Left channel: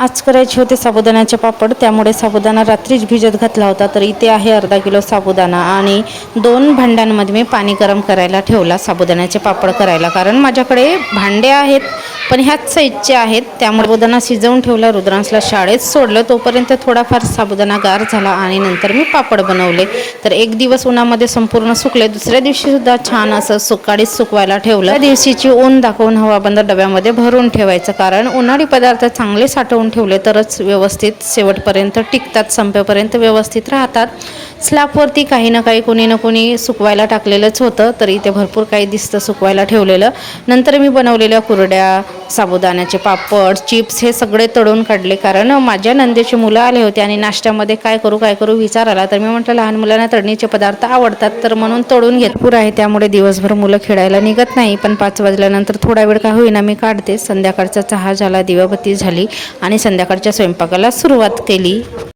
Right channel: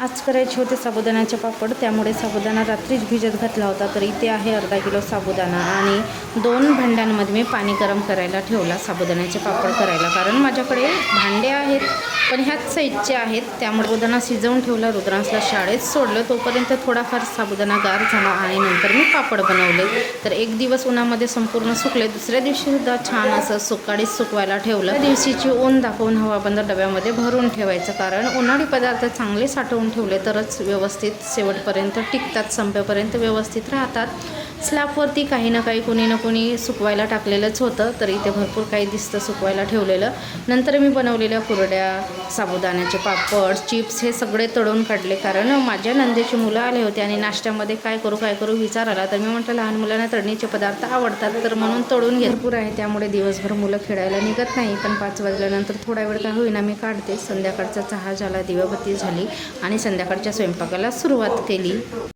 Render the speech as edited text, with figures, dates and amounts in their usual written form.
आज करायचे होते साबुदाण्याचे पापड, त्यामुळे साबुदाणा रात्रीच भिजत घातला होता. तर इथे आहे अर्धा किलो साबुदाणा आणि 2 भांड्यांमध्ये मी पाणी गरम करायला ठेवला साबुदाण्याचे पापड करायला. कारण माझ्याकडे भांडे आहेत पण ह्याच साईजचे आहेत, त्यामुळे साबुदाणा शिजवून ठेवला. रुद्रांशला शाळेत सोडलं तोपर्यंत थोडाफार साबुदाणा गार झाला आणि नंतर मी पापड बनवले. तर एक दिवस उन्हामध्ये संपूर्ण सुकले, दुसऱ्या दिवशी सुद्धा छान असं सुकाळीच सुकवायला ठेवलं. त्या दिवशीची ऊन दाखवून हवाबंद डब्यामध्ये भरून ठेवायचं, कारण उन्हाळी पदार्थ चांगले साठवून ठेवले तरच व्यवस्थित शेवटपर्यंत टिकतात, संपेपर्यंत व्यवस्थित राहतात. स्लॅबवरती काही ना काही कोणी ना कोणी सुकवायला टाकलेलंच होतं, तरी ते भरपूर काही दिसतं सुकवायला ठेवलेलं. नंतर मी बनवलेल्या कुरड्या, साबुदाण्याचे पापड, चिप्स हे सगळे तळून काढले, कारण माझ्या नंदेची मुलं आले होते आणि नाश्त्यामध्ये काय करू विचार आला. तर मी म्हटलं लहान मुलांना तळणीचे पदार्थ आवडतात, तर म्हणून तळून भरपूर आहे, त्यामुळे दिवसभर मुलं खेळायला निघत नाही. पण 5 वाजल्यानंतर थोडा वेळ का होईना मी काढते. संध्याकाळचा चहा झाला, दिवाबत्ती झाली आणि संध्याकाळच्या स्वयंपाकाला सुरुवात केली.